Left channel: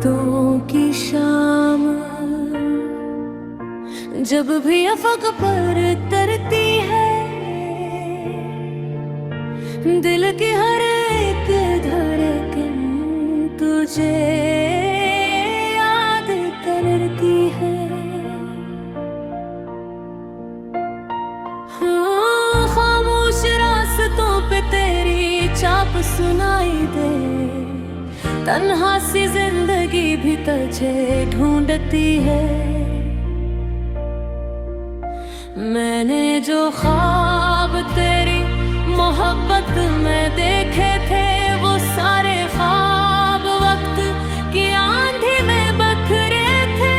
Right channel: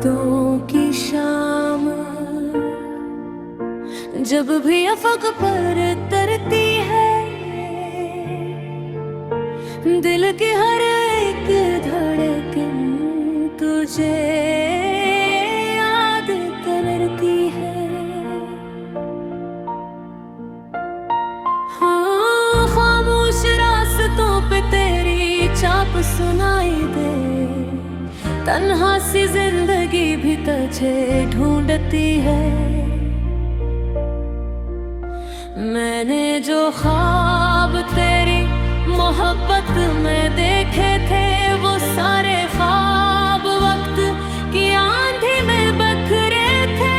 यादों की शाम जब भी अफक पर तरती है, दिल की हर एक धड़कन तुझे याद करती है। हाँ, खामोश रास्तों पे तेरी चाप सुनाई दे, तन्हा सी जिंदगी भी तुझे ढूंढती है। मैंने जो ख्वाब तेरी मोहब्बत में देखे थे, वो सारे ख्वाब वक्त की आंधी में बखरे थे।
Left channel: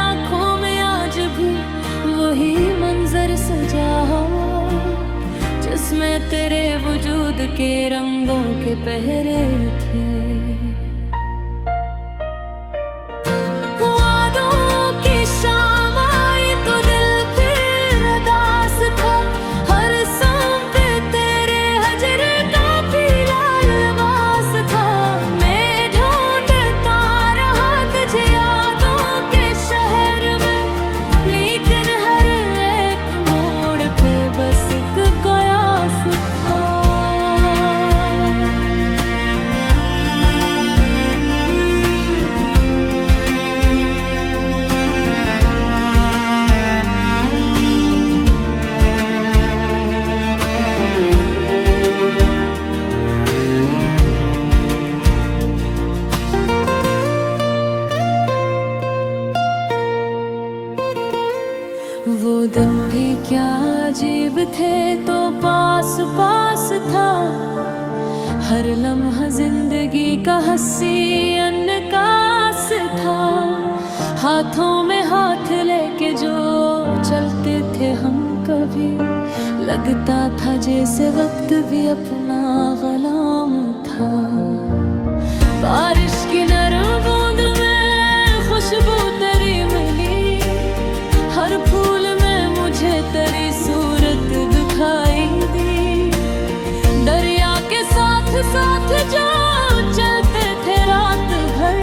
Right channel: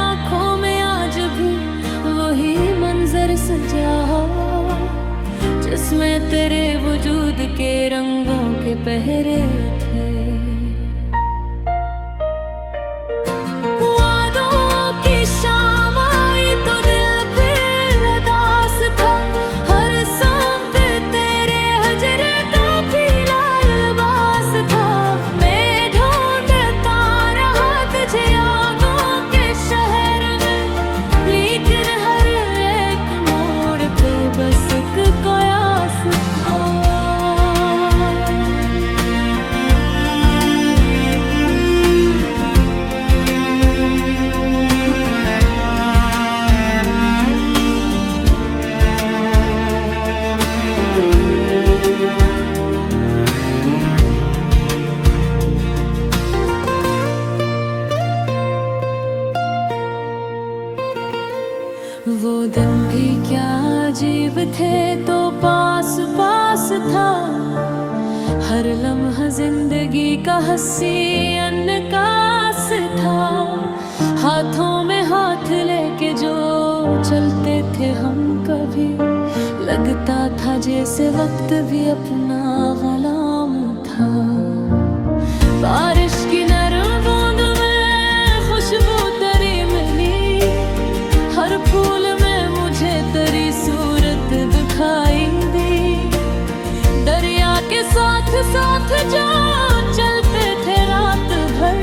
आंखों में आज भी वही मंजर सजा हो, जिसमें तेरे वजूद के रंगों के पहरे थे। वादों की शाम आई तो दिल फिर उदास था, हर सांस पे तेरे हजरे का पीला लिबास था। मैं ढूंढता रहा तुझे यादों के शहर में, लेकिन हर एक मोड़ पे बस एक कयास था। वो दिन भी क्या अजीब थे, तो पास पास था हर लम्हा जिंदगी का हंसी अनकास था। हाथों में हाथ लेके जो चलते थे हम कभी, लगता था जैसे वक्त भी अपना गुलाम था। बारिश की नरम बूंद में खुशबू तेरी मिली, हर फूल में मुझे तेरी सूरत दिखाई दी। दरिया के साथ साथ जो चलते थे रात भर,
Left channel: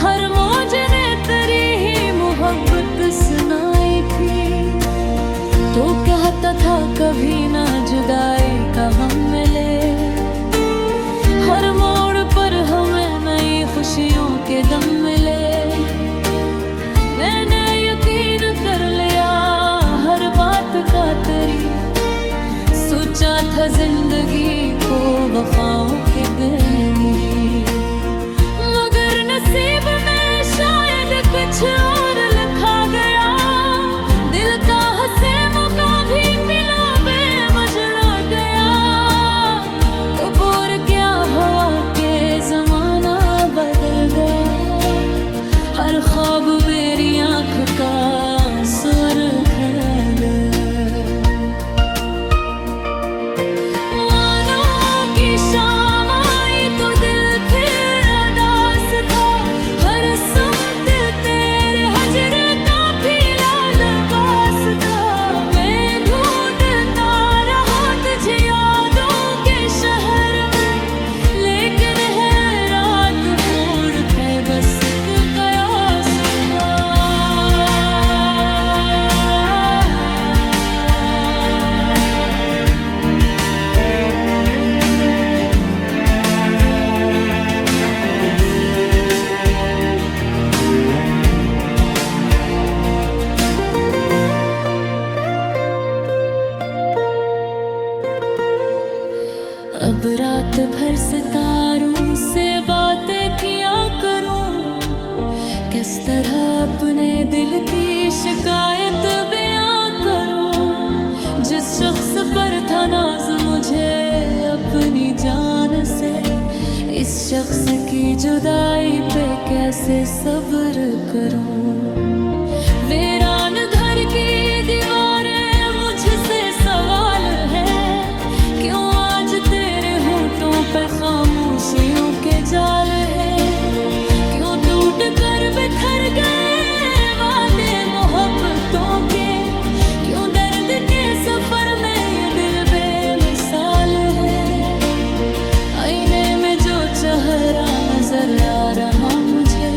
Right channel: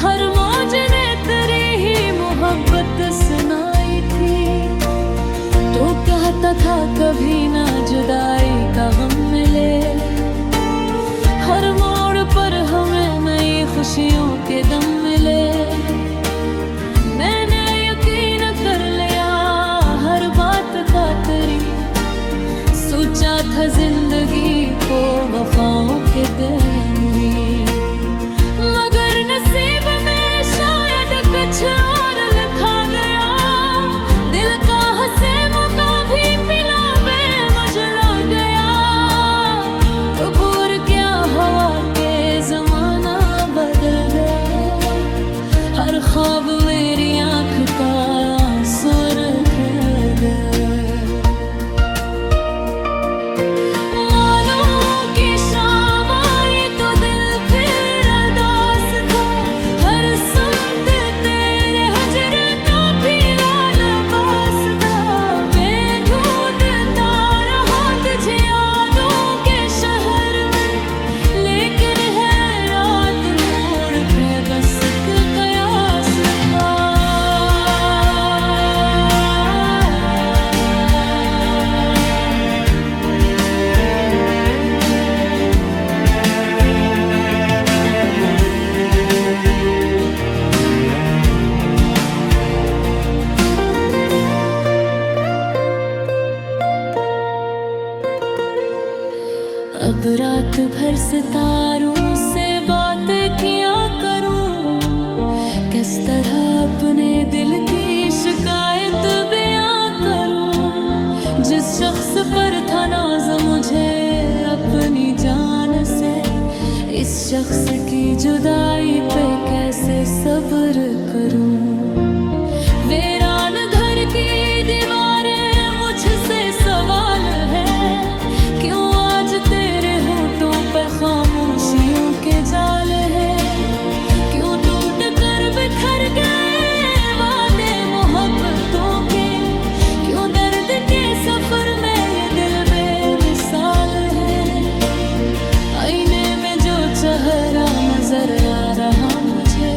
हर मौज ने तेरी ही मोहब्बत सुनाई थी। तो कहता था कभी ना जुदाई का गम मिले, हर मोड़ पर हमें नई खुशियों के दम मिले। मैंने यकीन कर लिया हर बात का तेरी, सोचा था जिंदगी को वफाओं के गहरी, मगर नसीब में शायद कुछ और लिखा गया। दिल का हंसे मौका भी पिला बेमजला गया। कबूर क्या हवा के जमाना बदल गया, हर ख्वाब मेरी आँख का सुर कर गया। वादों की शाम आई तो दिल फिर उदास था, हर सांस तेरे हजरे का पीला लिबास था। मैं ढूंढता रहा तुझे यादों के शहर में, लेकिन है रात मोड़ पे बस एक कयास था। अब रात भर सितारों से बातें किया करूं, किस तरह अपने दिल की शिकायत बयां करूं। जिस शख्स पर था नाज मुझे अपनी जान से, इस शख्स की जुदाई पे कैसे सब्र करूं। वीरान घर की दीवारें मुझसे सवाल है, क्यों आज तेरे होठों पे खामोशियों के जाल है। क्यों टूट कर बिखर गए वादे मोहब्बतों के, क्यों दर्द के सफर में ये दिल बेमिसाल है। आईने में जो चेहरा नजर आ रहा मुझे,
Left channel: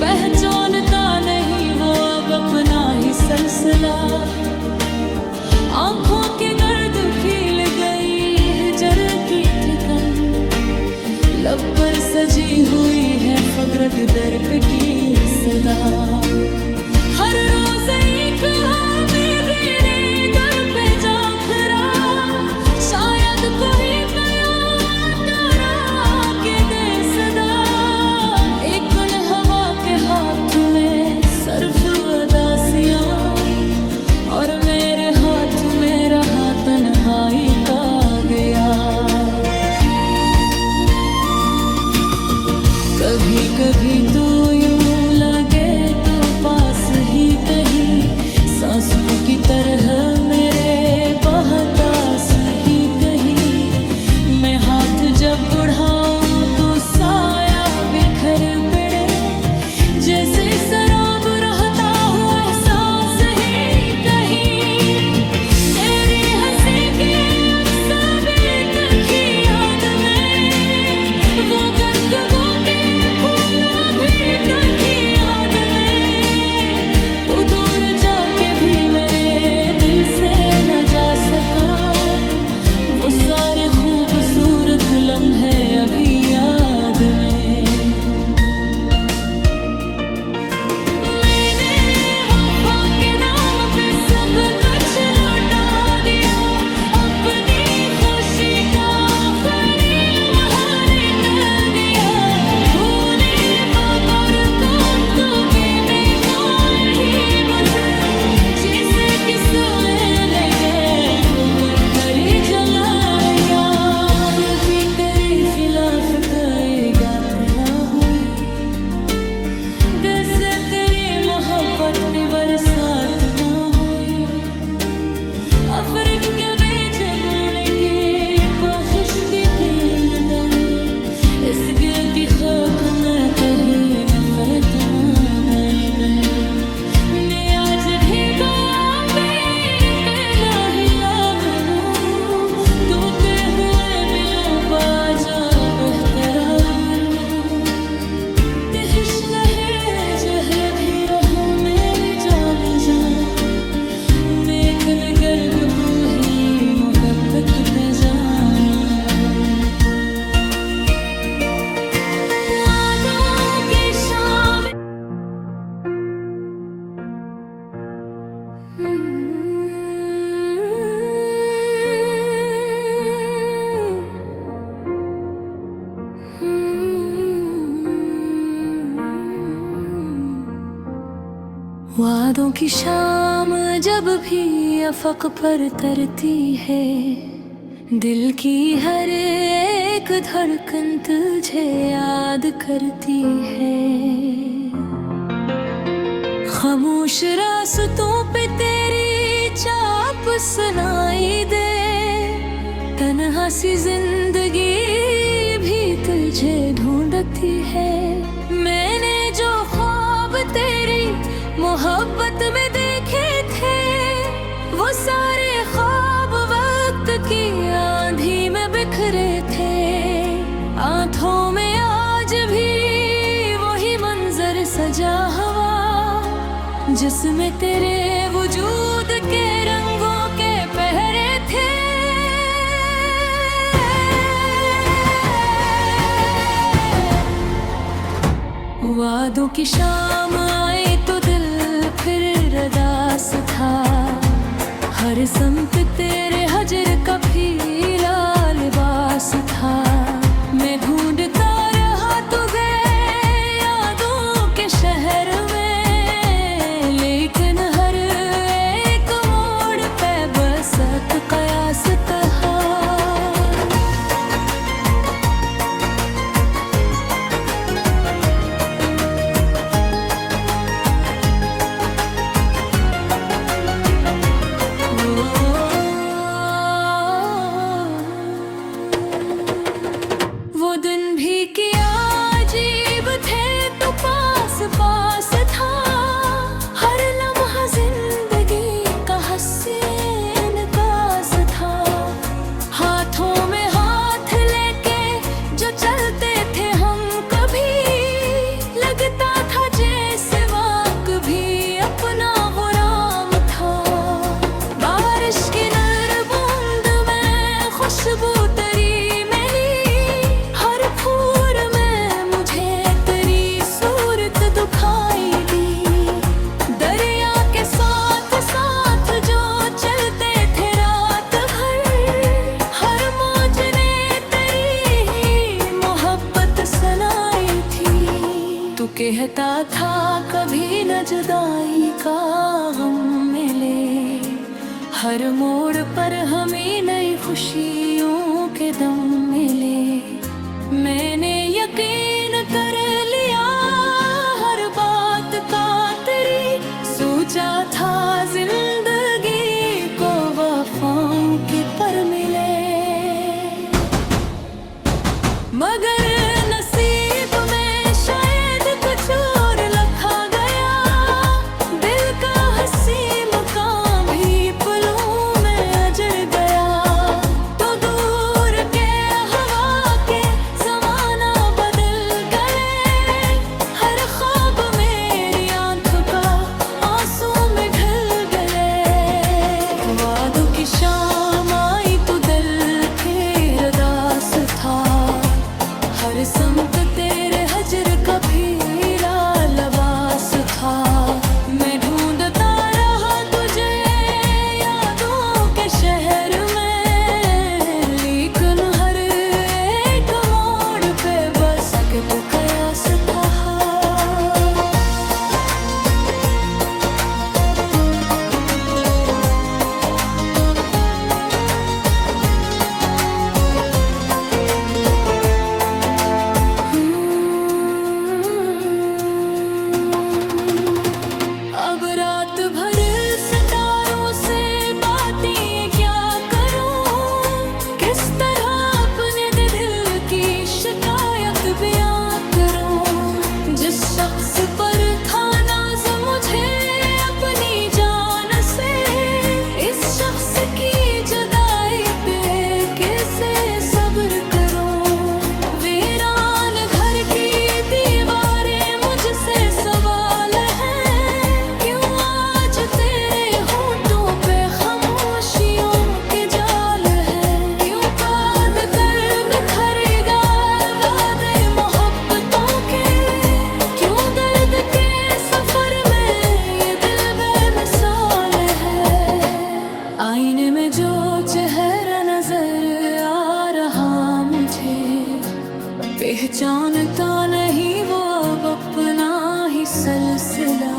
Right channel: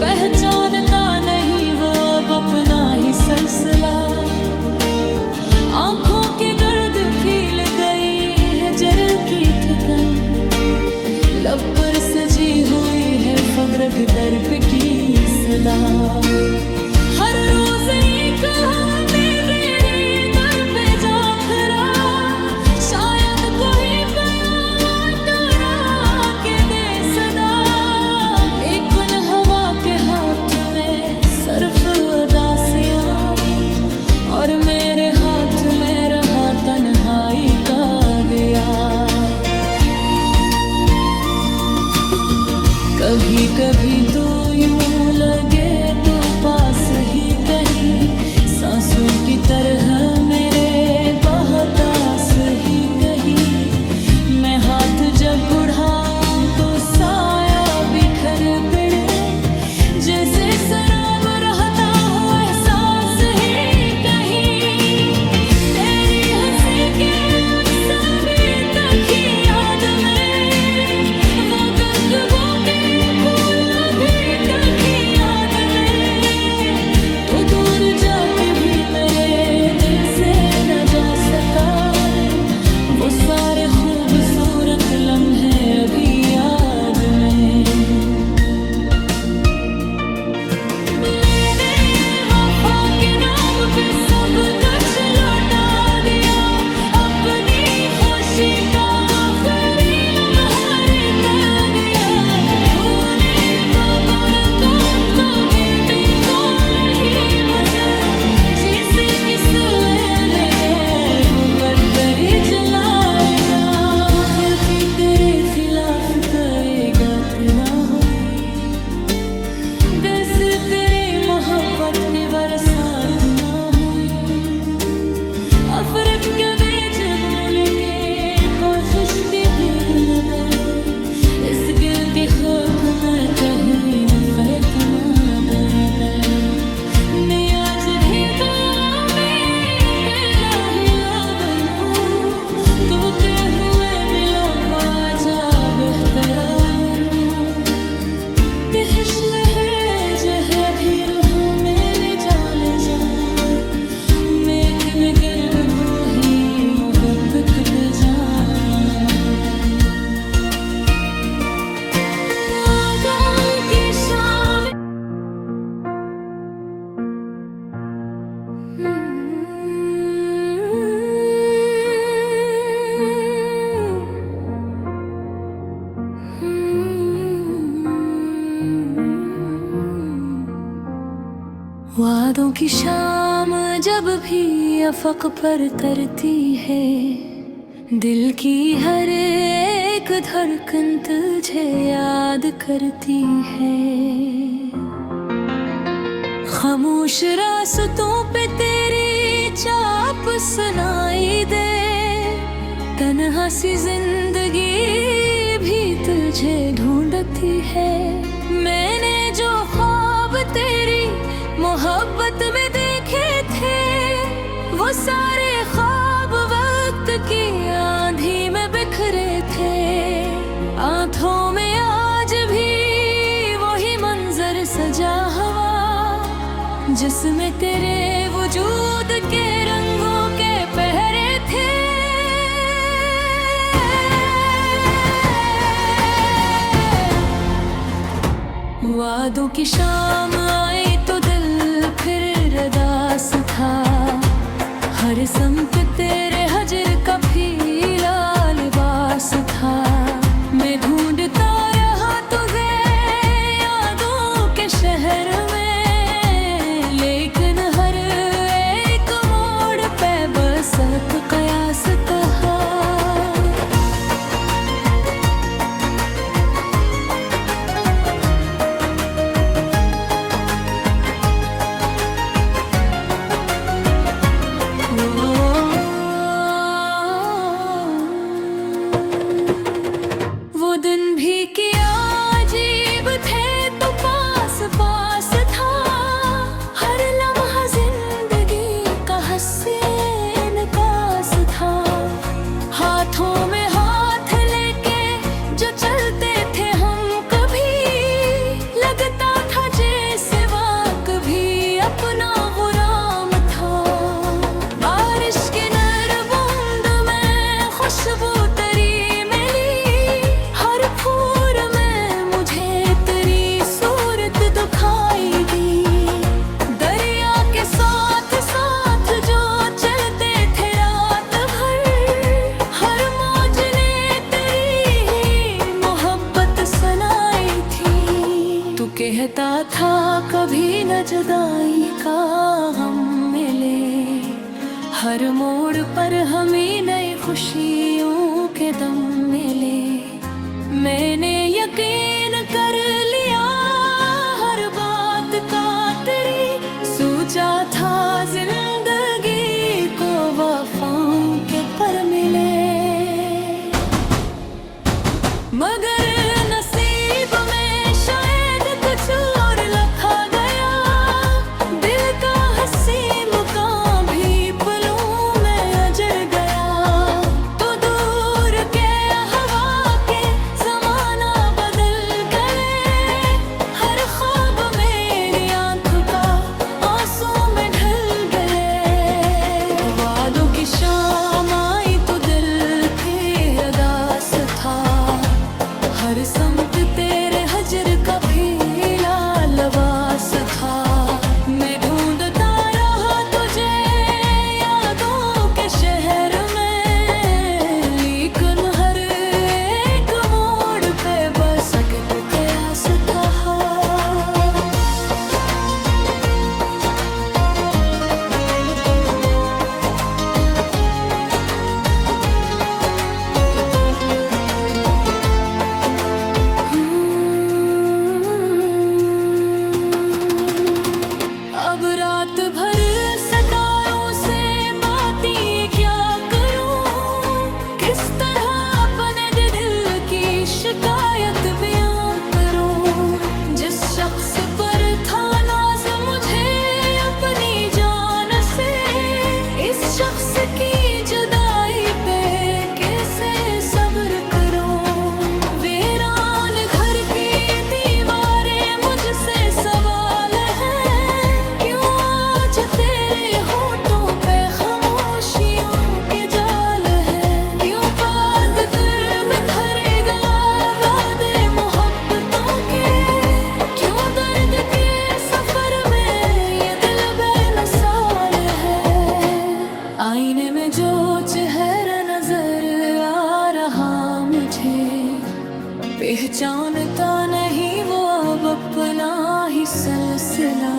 पहचानता नहीं वो अब अपना ही सिलसिला। आंखों के गर्द फील गई है जर की थकन, लब पर सजी हुई है फग्र के दर पे की सदा। हर रोज एक हमें मेरे दर पे जा खरा, शायद कोई बयां डरा के दे सदा। लेकिन हवा के हाथ में सर्फ अदासियां, और मेरे हाथ में रहा तन्हाई का गया। कभी कभी तो यूं लगे तो पास ही कहीं, सांसों की तरह मेरे बहतास ही कहीं। मैं हाथ जब बढ़ाऊं तो साया बिखर पड़े, जैसे शराब रहता हो एहसास ही कहीं। तेरी हंसी के अक्स अभी तक ही याद में, वो गुफ्तगू के फूल अभी तक ही याद में। तो दूर जाके भी मेरे दिल से न जा सका, वो सारे खूबसूरत लम्हे अभी याद में। खिलाफ करेगा तेरा हुई, जैसे तेरी मोहब्बत की बरसात ना हुई। अफरक के बीच बूने के कोशिश भी भीन गई, इस गिरती खाक में कहीं नफरत ना डर गई। मैं आज भी जा बेहतरा मनू, तिहश लहे जहर भी रहो मैंने जाने जा। मेकन गर्द बूही मोहब्बत पे जाना। वादों की शाम वादों की शाम जब भी अफक पर तरती है, दिल की हर एक धड़कन तुझे याद करती है। खामोश रास्तों पे तेरी चाप सुनाई दे, तन्हा सी जिंदगी भी तुझे ढूंढती है। मैंने जो ख्वाब तेरी मोहब्बत में देखे थे, वो सारे ख्वाब वक्त की आंधी में बिखरे थे। आंखों में आज भी वही मंजर सजा हुआ, जिसमें तेरे वजूद के रंगों के पहरे थे। वादों की शाम आई तो दिल फिर रदास था, हर समत तेरे हजर का फीला लिबास था। मैं ढूंढता रहा तुझे यादों के शहर में, लेकिन हर एक मोड़ पे बस कयास था। था कभी न जुदाई का गम मिले, हर मोड़ पर हमें नई खुशियों के दम मिले। मैंने यकीन कर लिया हर बात का तेरी, सोचा था जिंदगी को वफाओं के पर मिले, मगर नसीब में शायद कुछ और लिखा गया। दिल का हंसी मुकाम भी पलों में अजड़ गया, तो दूर के हवा के ज़माना बदल गए। हर ख्वाब मेरी आंखों का आंसू में ढल गए। वादों की शाम आई तो दिल फिर उदास था, हर समत तेरे हजर का फीला लबास था। मैं ढूंढता रहा तुझे यादों के शहर में, लेकिन हर एक मोड़ पे बस सकत कयास था। अब रात भर सितारों से बातें क्या करूं, किस तरह अपने दिल की शिकायत बयां करूं। जिस शख्स पर था नाज मुझे अपनी जान से, इस शख्स की जुदाई पे कैसे सब्र करूं। वीरान घर की दीवारें मुझसे सवाल है, तेरे होठों पे खामोशियों के जाल है। क्यों बात कर बिखरेगा वादे मोहब्बतों के, क्यों दर्द के सफर में ये दिल बेमिसाल है। आईने में जो चेहरा नजर आ रहा मुझे, पहचानता नहीं वो अब अपना ही सिलसिला।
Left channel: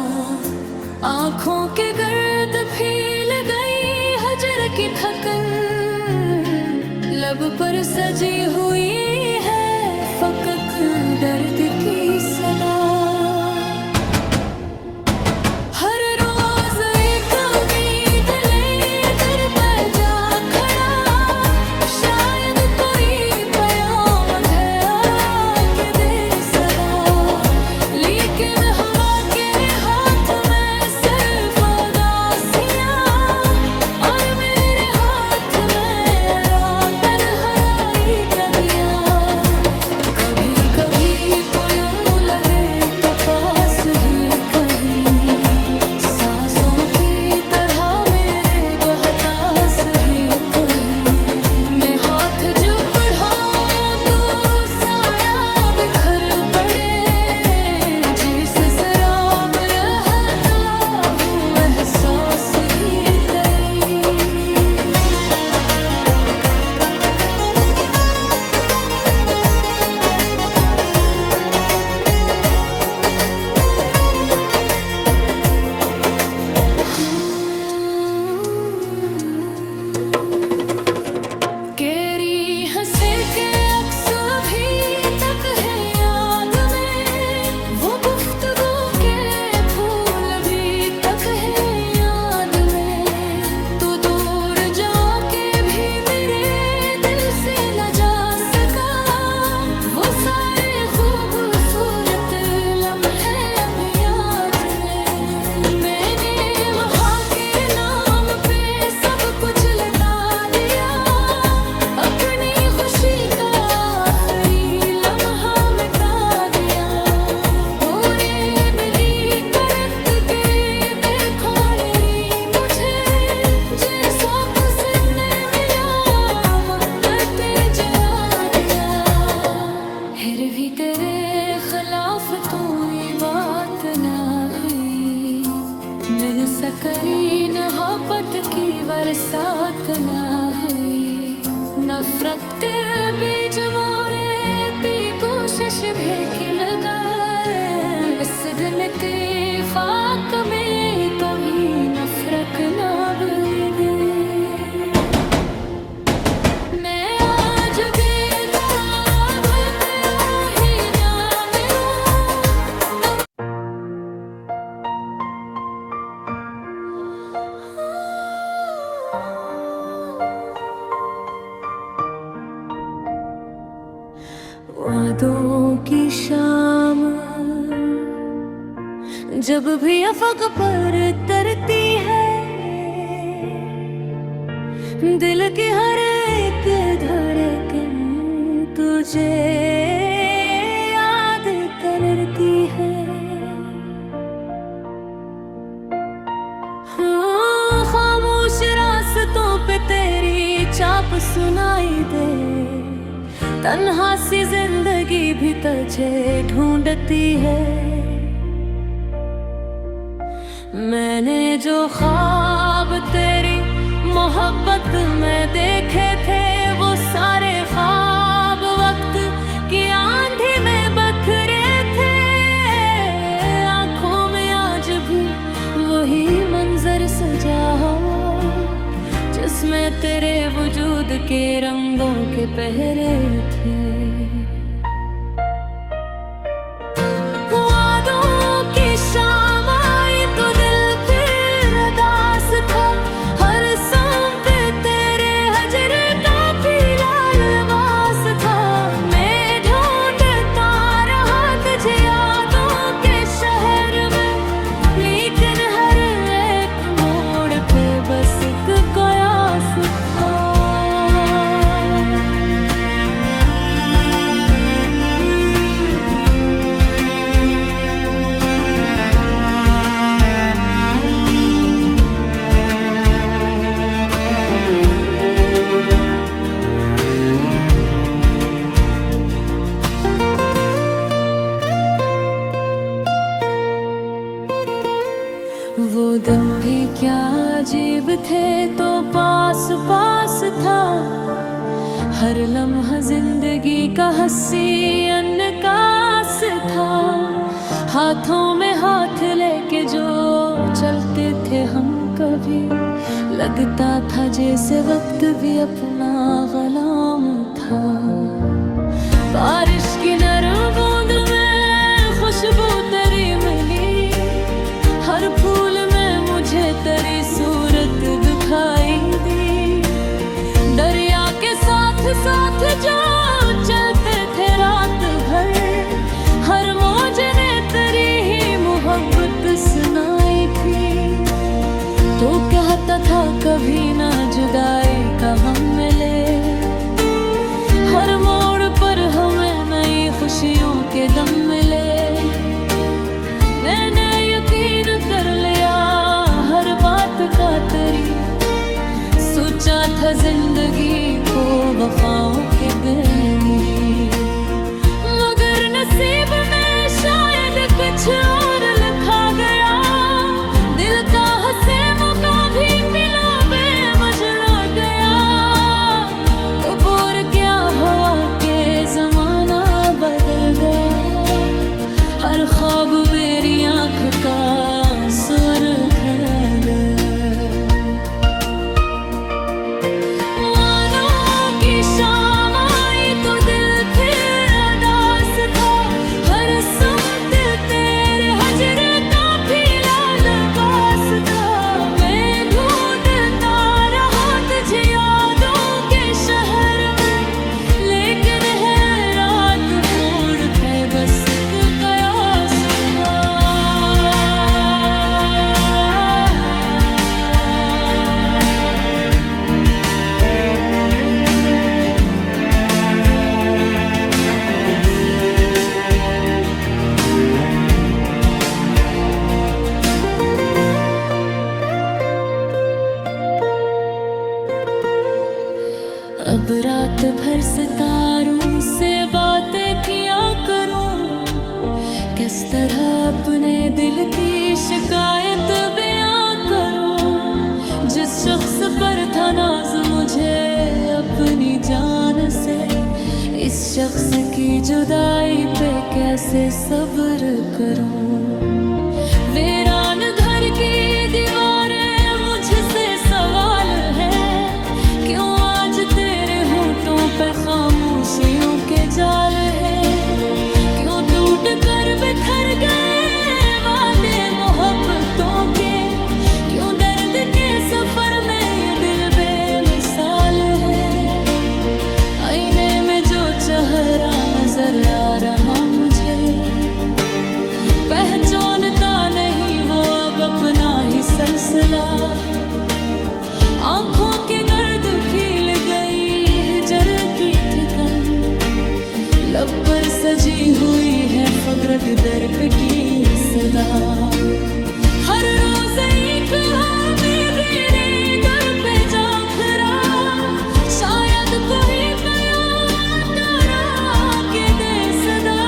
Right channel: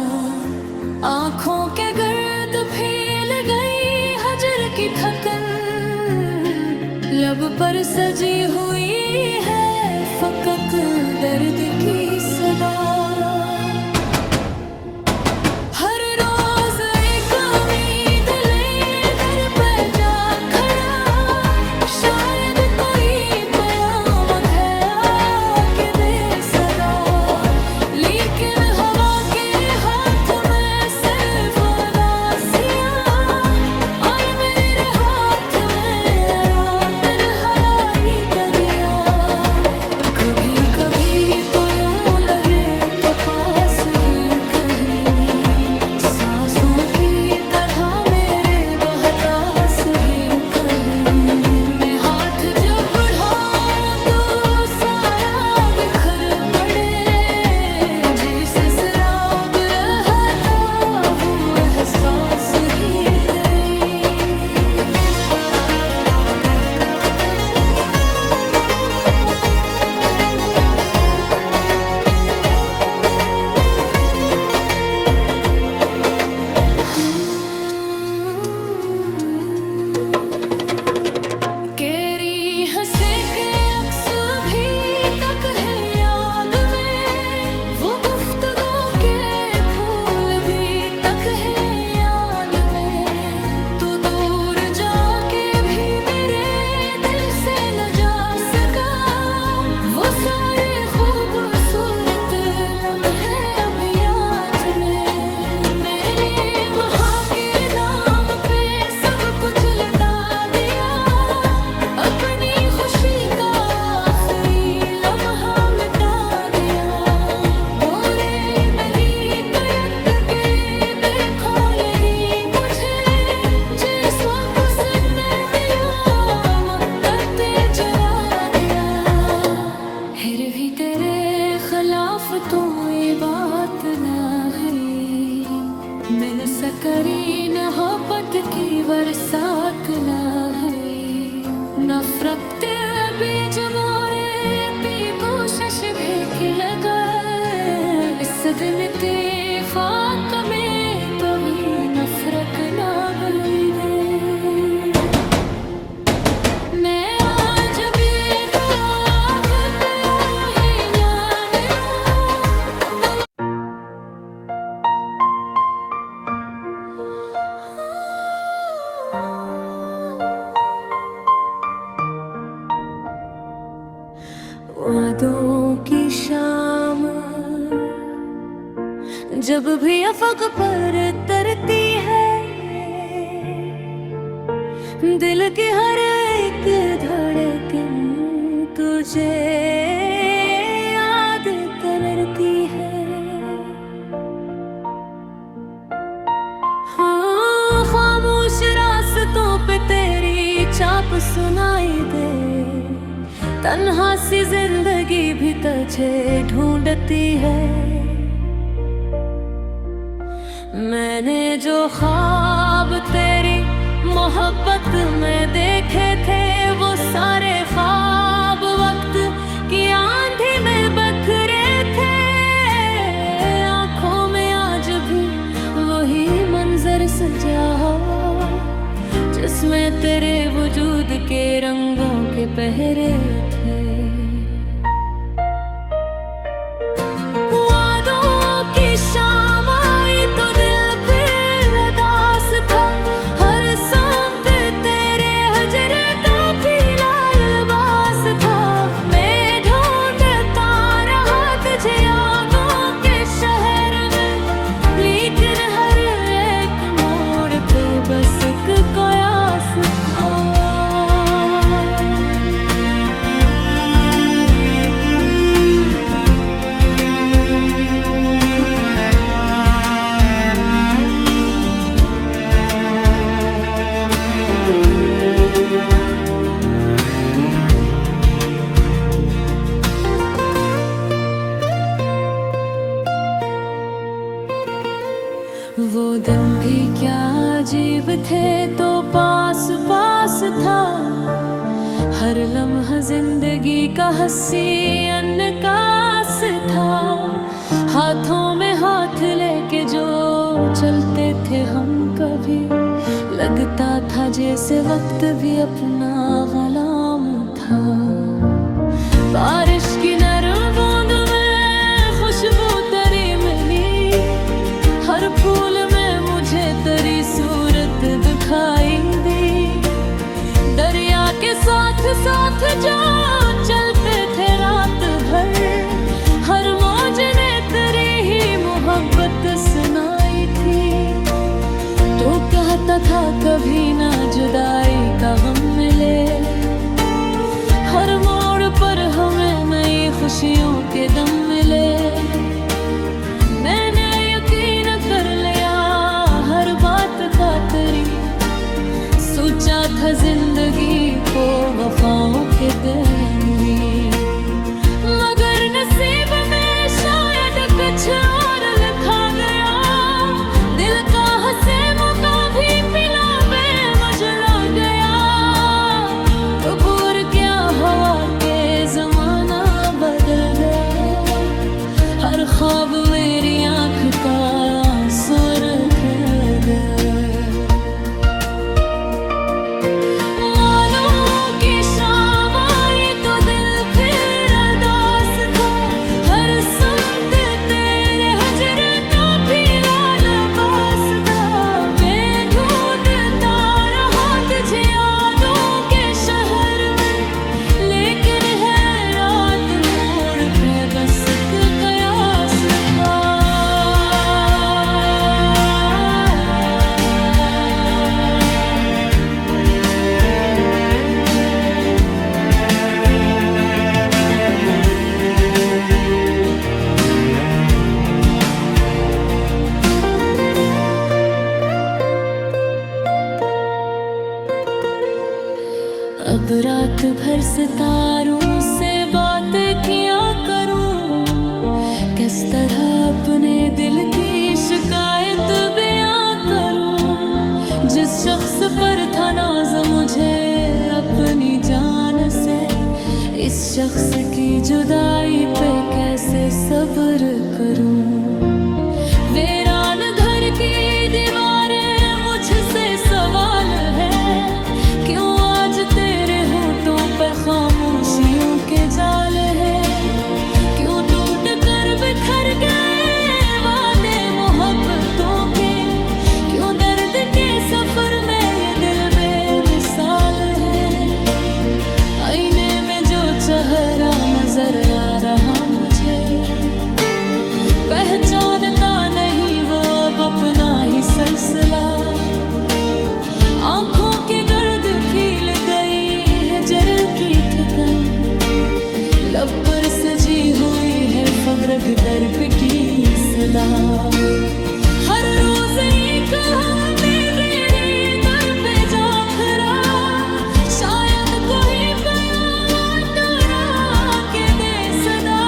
आँखों के गर्द फैल गई हजर की थकन, लब पर सजी हुई है फकक दर्द की सदा। हर रोज एक उम्मीद ले दर पर जा खड़ा, शायद कोई कयामत है आके दे सदा। लेकिन कभी तो यूं लगे तो पास ही कहीं, सांसों की तरह मेरे बहतास ही कहीं। मैं हाथ जब बढ़ाऊं तो साया बिखर पड़े, जिसे शराब रहता हूँ एहसास ही कहीं। हंसे के अक्स भी तक है याद में, वो गुफ्तगू के फूल भी तक है याद में। तू दूर जाके भी मेरे दिल से न जा सका, वो सारे खूबसूरत लम्हे अब याद में। मैंने वहाँ के नाम पे सब कुछ लटा दिया, अपनी खुशी का आखिरी लम्हा मिटा दिया। बुरे बनी करत के देखो मेरी मुझे, जैसा कुसने मिला मक्कते जला दिया। फिर भी तेरे खिलाफ तो ये बात ना हुई, मिल सकरी मोहब्बत की बरसात ना हुई। नफरत बीच मोरे पी को कोशिश भी की लगाए, इस दिन इत्तेफाक में तो भी नफरत ना दे। मैं आज भी दुआ करते ही ना मिलूं तो वादों की शाम जब भी अफक पर तरती है, दिल की हर एक धड़कन तुझे याद करती है। हाँ, खामोश रास्तों पे तेरी चाप सुनाई दे, तन्हा सी जिंदगी भी तुझे ढूंढती है। मैंने जो ख्वाब तेरी मोहब्बत में देखे थे, वो सारे ख्वाब वक्त की आंधी में बखरे थे। आंखों में आज भी वही मंजर सजा हो, जिसमें तेरे वजूद के रंगों के पहरे थे। वादों की शाम आई तो दिल फिर उदास था, हर सांप तेरे हजर का पीला लिबास था। मैं ढूंढता रहा तुझे यादों के शहर में, लेकिन हर एक मोड़ पे बस एक कयास था। वो दिन भी क्या अजीब थे, तो पास पास था हर लम्हा जिंदगी का हंसी अनकास था। हाथों में हाथ लेके जो चलते थे हम कभी, लगता था जैसे वक्त भी अपना गुलाम था। बारिश की नरम बूंद में खुशबू तेरी मिली, हर फूल में मुझे तेरी सूरत दिखाई दी। दरिया के साथ साथ जो चलते थे रात भर, हर मौज ने तेरी ही मोहब्बत सुनाई थी। तू कहता था कभी ना जुदाई का गम मिले, हर मोड़ पर हमें नई खुशियों के दम मिले। मैंने यकीन कर लिया हर बात का तेरी, सोचा था जिंदगी को वफाओं के देने, मगर नसीब में शायद कुछ और लिखा गया। दिल का हंसे मौका भी पिला बेमजला गया। कबूर क्या हवा के जमाना बदल गया, हर ख्वाब मेरी आँख का सुर कर गया। वादों की शाम आई तो दिल फिर उदास था, हर सांप तेरे हजर का पीला लिबास था। मैं ढूंढता रहा तुझे यादों के शहर में, लेकिन है रात मोड़ पे बस एक कयास था। अब रात भर सितारों से बातें किया करूं, किस तरह अपने दिल की शिकायत बयां करूं। जिस शख्स पर था नाज मुझे अपनी जान से, इस शख्स की जुदाई पे कैसे सब्र करूं। वीरान घर की दीवारें मुझसे सवाल है, क्यों आज तेरे होठों पे खामोशियों के जाल है। क्यों टूट कर बिखर गए वादे मोहब्बतों के, क्यों दर्द के सफर में ये दिल बेमिसाल है। आईने में जो चेहरा नजर आ रहा मुझे, पहचानता नहीं वो अब अपना ही सिलसिला। आंखों के गर्द फील गई हिजर की थकन, लब पर सजी हुई है फग्र के दर पे की सदा। हर रोज एक मेरे दर पे जा खड़ा, शायद कोई प्यार करा के दे सदा।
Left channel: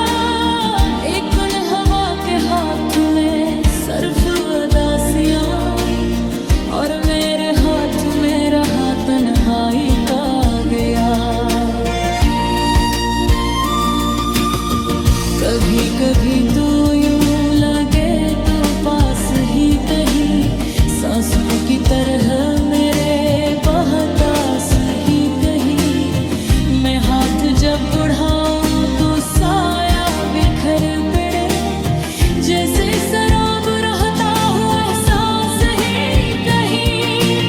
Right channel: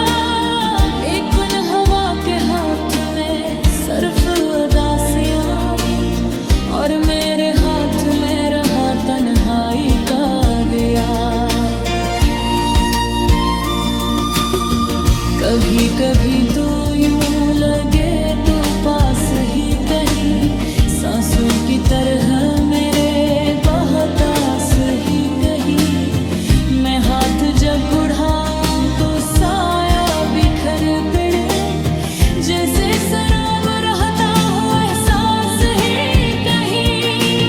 लेकिन हवा के हाथ में सर्फ अदासियां, और मेरे हाथ में रहा तन्हाई का गया। कभी कभी तो यूं लगे तो पास ही कहीं, सांसों की तरह मेरे बहतास ही कहीं। मैं हाथ जब बढ़ाऊं तो साया बिखर पड़े, जैसे शराब रहता हो एहसास ही कहीं।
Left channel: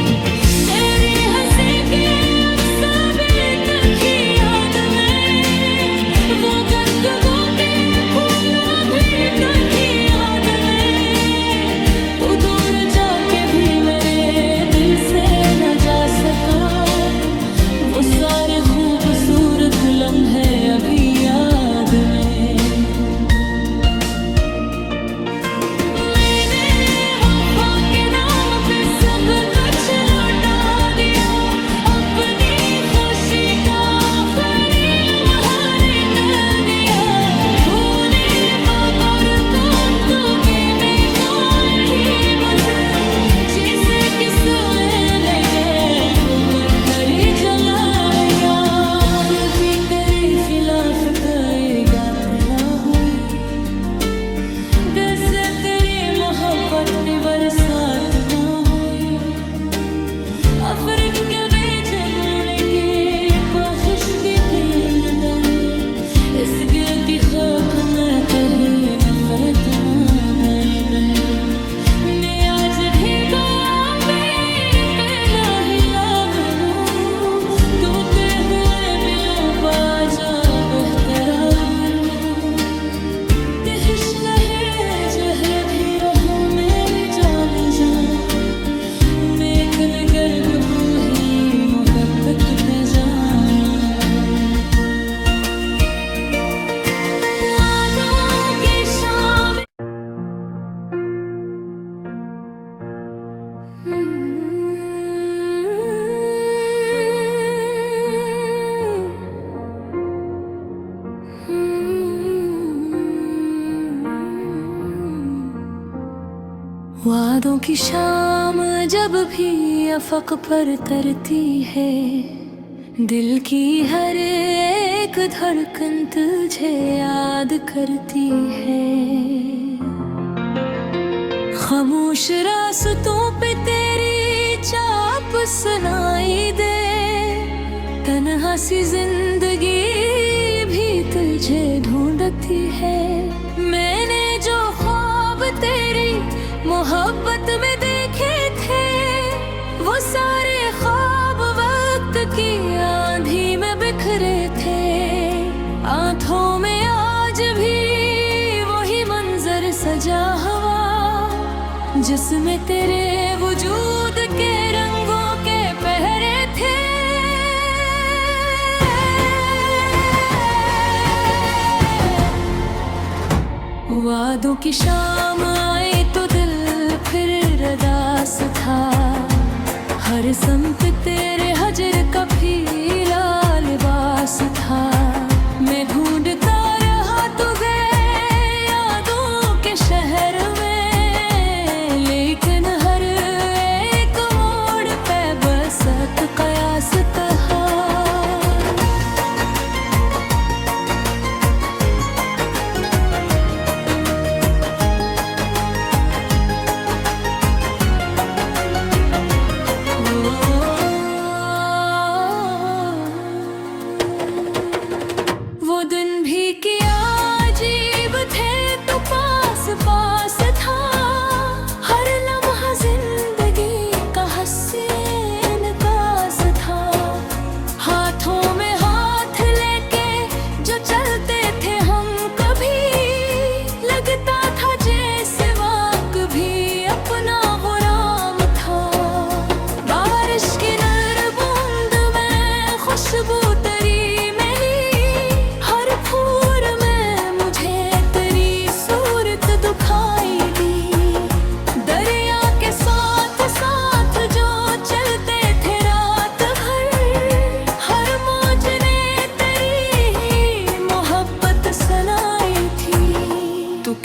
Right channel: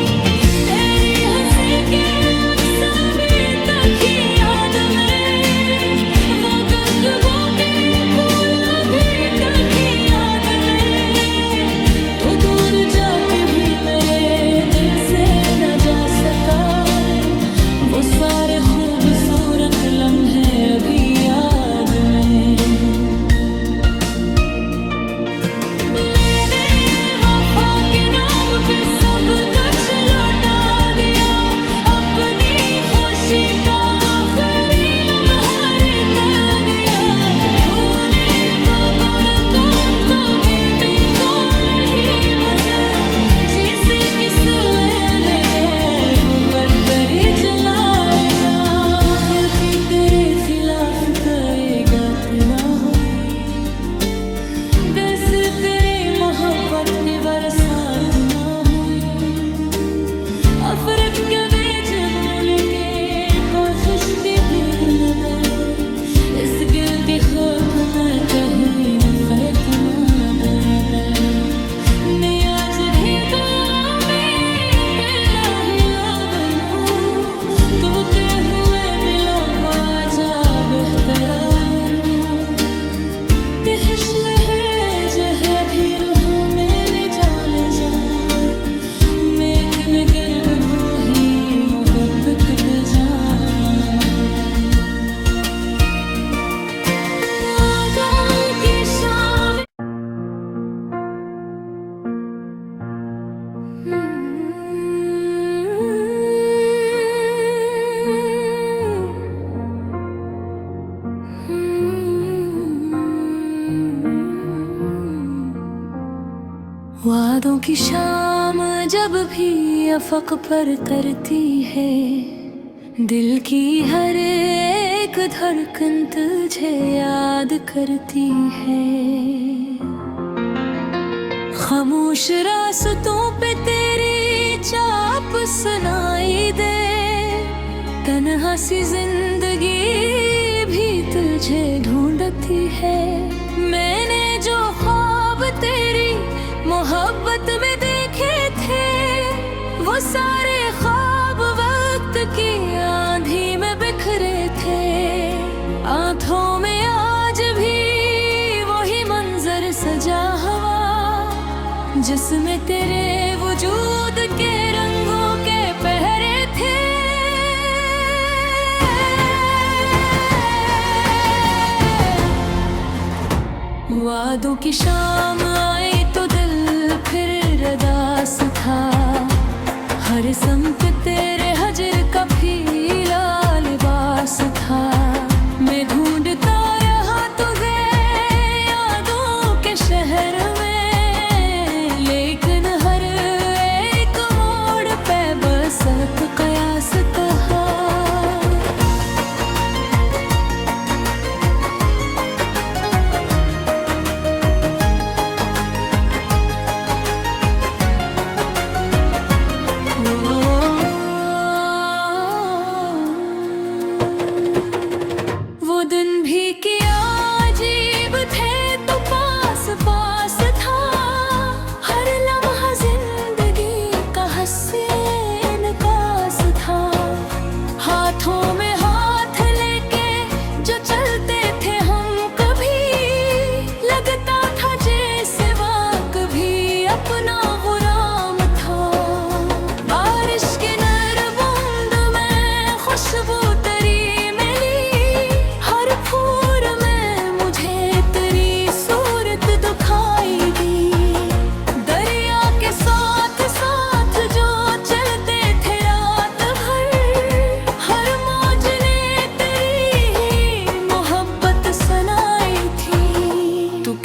तेरी हंसी के अक्स अभी तक ही याद में, वो गुफ्तगू के फूल अभी तक ही याद में। तो दूर जाके भी मेरे दिल से न जा सका, वो सारे खूबसूरत लम्हे अभी याद में। खिलाफ गएगा तेरा हुई, दिल से तेरी मोहब्बत की बरसात ना हुई। अफरक के बीच बोने के ख्वाहिश भी भीन गए, इस गिरती खाक में कहीं नफरत ना डर गए। मैं आज भी जा बेहतरा मनूं, तिहिश लहे जहर भी रहो मैंने जाने जा। नेक निगर्द बूही मोहब्बत पे जाना। वादों की शाम वादों की शाम जब भी अफक पर तरती है, दिल की हर एक धड़कन तुझे याद करती है। खामोश रास्तों पे तेरी चाप सुनाई दे, तन्हा सी जिंदगी भी तुझे ढूंढती है। मैंने जो ख्वाब तेरी मोहब्बत में देखे थे, वो सारे ख्वाब वक्त की आंधी में बिखरे थे। आंखों में आज भी वही मंजर सजा हुआ, जिसमें तेरे वजूद के रंगों के पहरे थे। वादों की शाम आई तो दिल फिर रदास था, हर समत तेरे हजर का फीला लिबास था। मैं ढूंढता रहा तुझे यादों के शहर में, लेकिन हर एक मोड़ पे बस कयास था।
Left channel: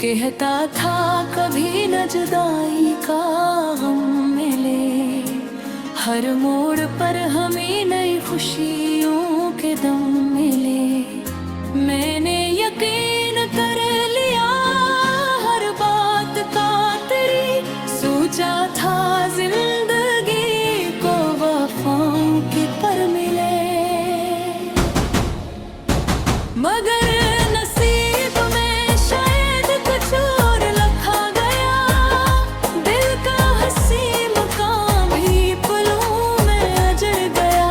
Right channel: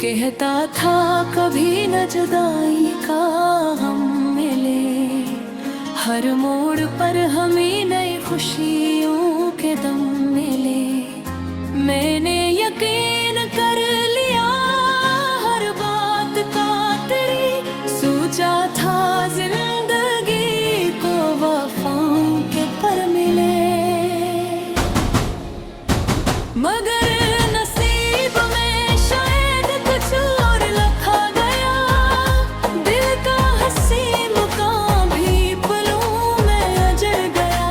कहता था कभी न जुदाई का गम मिले, हर मोड़ पर हमें नई खुशियों के दम मिले। मैंने यकीन कर लिया हर बात का तेरी, सोचा था जिंदगी को वफाओं के पर मिले, मगर नसीब में शायद कुछ और लिखा गया। दिल का हंसी मुकाम भी पलों में अजड़ गया।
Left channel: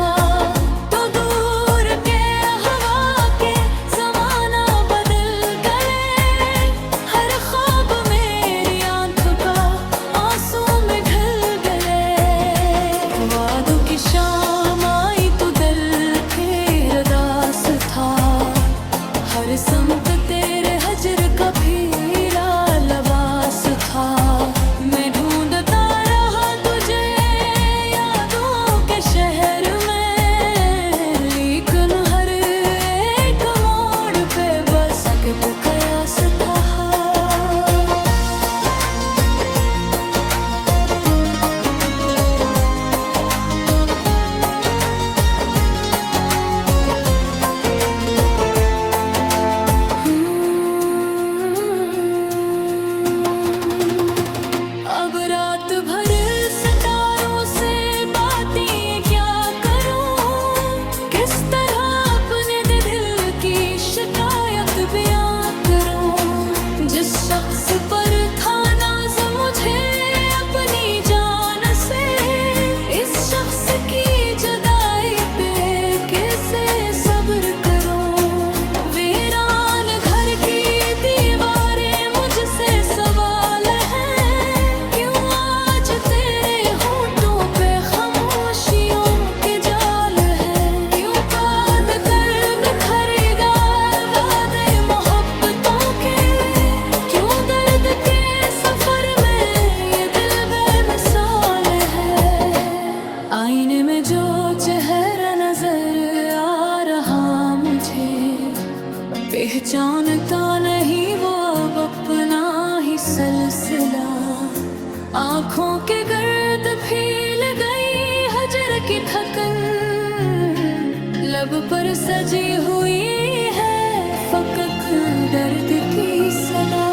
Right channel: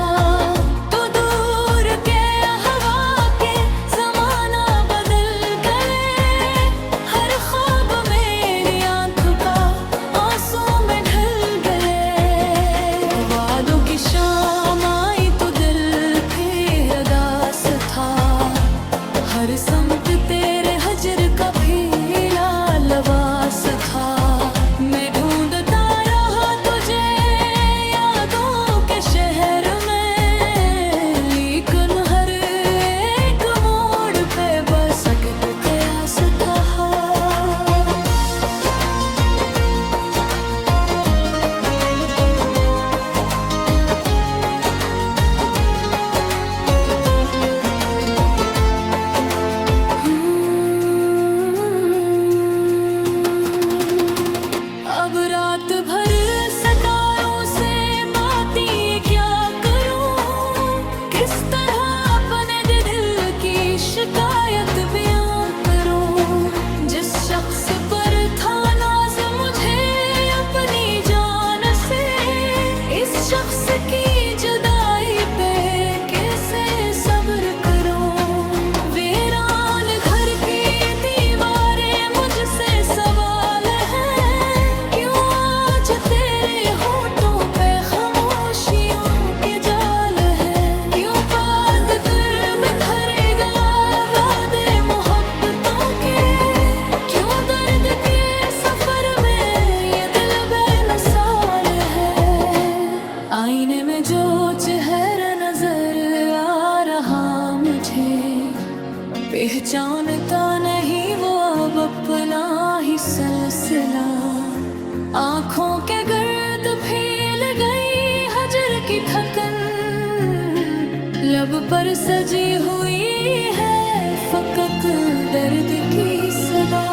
तो दूर के हवा के ज़माना बदल गए, हर ख्वाब मेरी आँख का आंसू में ढल गए। वादों की शाम आई तो दिल फिर उदास था, हर समत तेरे हजर का फीला लबास था। मैं ढूंढता रहा तुझे यादों के शहर में, लेकिन हर एक मोड़ पे बस सकत कयास था। रात भर सितारों से बातें क्या करूं, किस तरह अपने दिल की शिकायत बयां करूं। जिस शख्स पर था नाज मुझे अपनी जान से, इस शख्स की जुदाई पे कैसे सब्र करूं। वीरान घर की दीवारें मुझसे सवाल है, तेरे होठों पे खामोशियों के जाल है। क्यों बात कर बिखरेगा वादे मोहब्बतों के, क्यों दर्द के सफर में ये दिल बेमिसाल है। आईने में जो चेहरा नजर आ रहा मुझे, पहचानता नहीं वो अब अपना ही सिलसिला। आँखों के गर्द फैल गई हजर की थकन, लब पर सजी हुई है फकक दर्द की सदा।